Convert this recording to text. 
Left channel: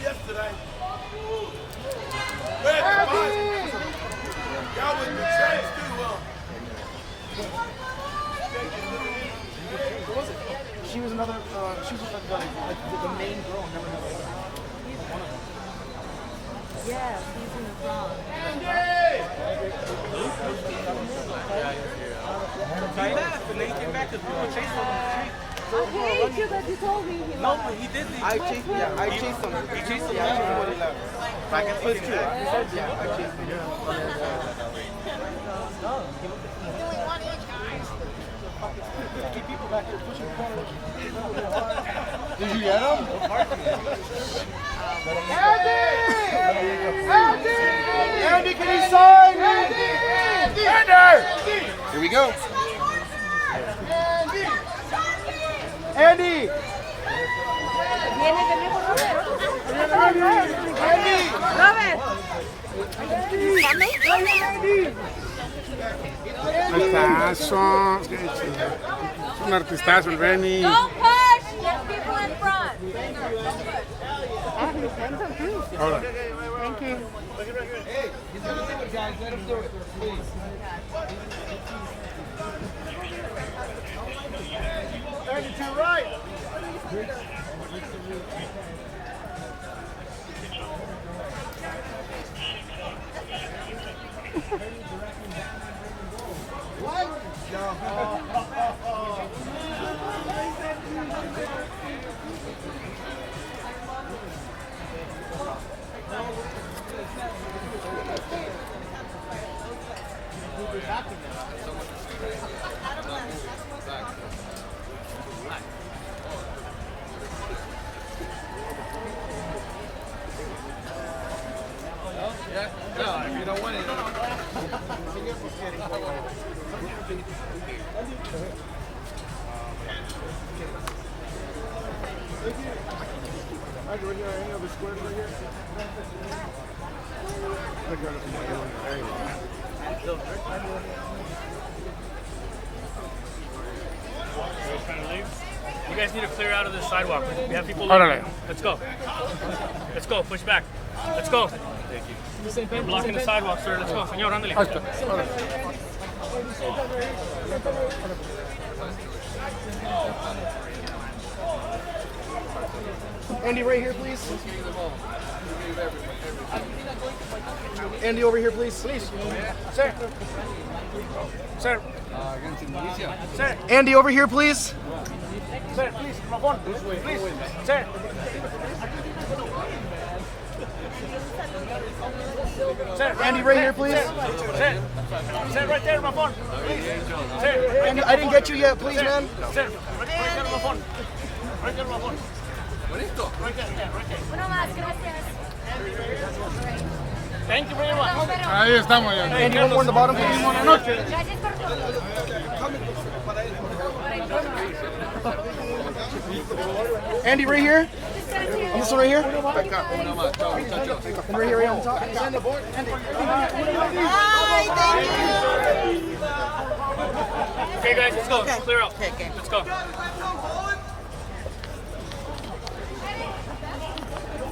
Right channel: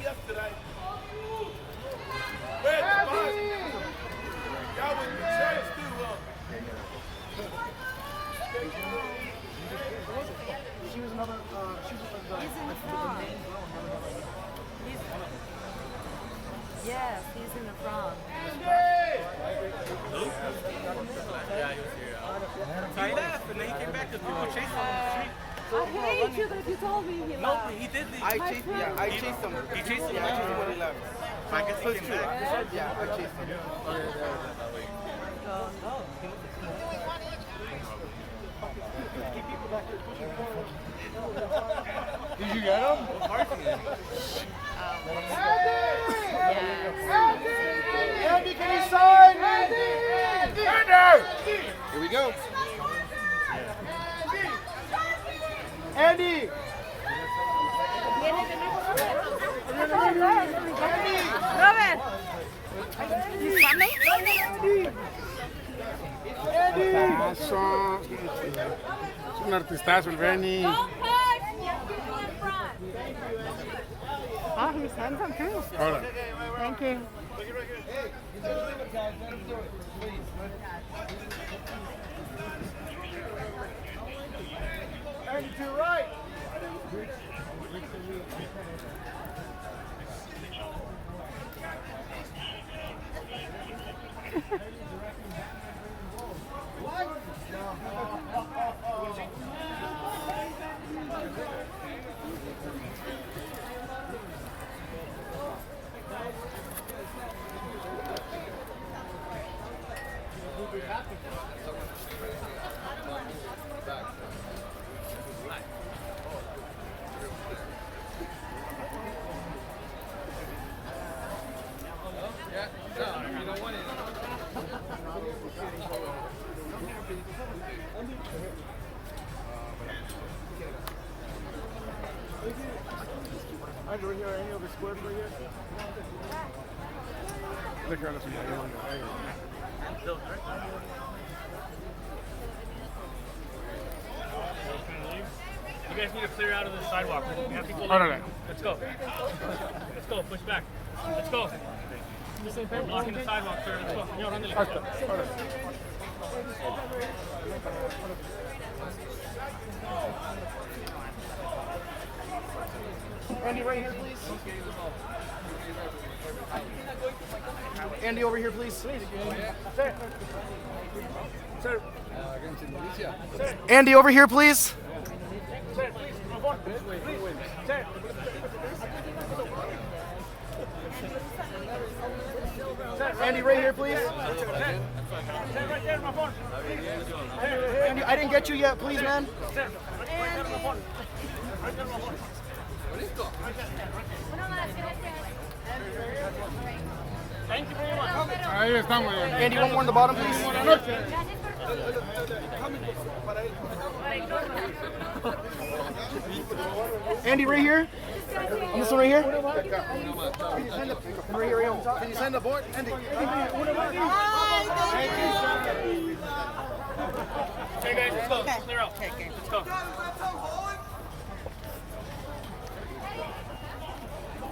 Yesterday. Where's the boss? Y'all was in the church too, huh? She was another, she was like the main girl. Yes, he's in the front. He left and then he came back to chase him. I hate you that you told me. No, but he did leave. I chased him. He chased him. Yeah, I chased him when he left. First two. Yeah, I chased him. Did you get him? Andy, can you sign? Andy! Here we go. Andy! Viene de nuevo Robert. Artistazo, es un artistazo el Benny. Don't push! Get people in front. Ahora. Thank you. Guys, let him do it, please. Andy, to your right. What? Yeah? No, if you don't want it. You guys need to clear out of this sidewalk. We have people. Órale. Let's go. Let's go. Push back. Let's go. We're blocking the sidewalk, sir. Let's go, señor. Ándale. Ahí está. Órale. Andy, right here, please. Andy, over here, please. Please. Sir. Sir. Sir. Andy, over here, please. Sir, please. Come on. Please. Sir. Sir. Andy, right here, please. Sir. Sir, right there, my phone. Sir. Andy, I didn't get you yet, please, man. Sir. Right there, my phone. Right there, my phone. Bonito. Right there, right there. Uno más, gracias. Thank you very much. Ahí estamos ya. Andy, one more on the bottom, please. Buenas noches. Gracias por todo. Andy, right here. And this one right here. Uno más. Chao, muchachos. And right here, right on top. Sign the board. Andy. Bye, thank you. Okay, guys, let's go. Clear out. Let's go.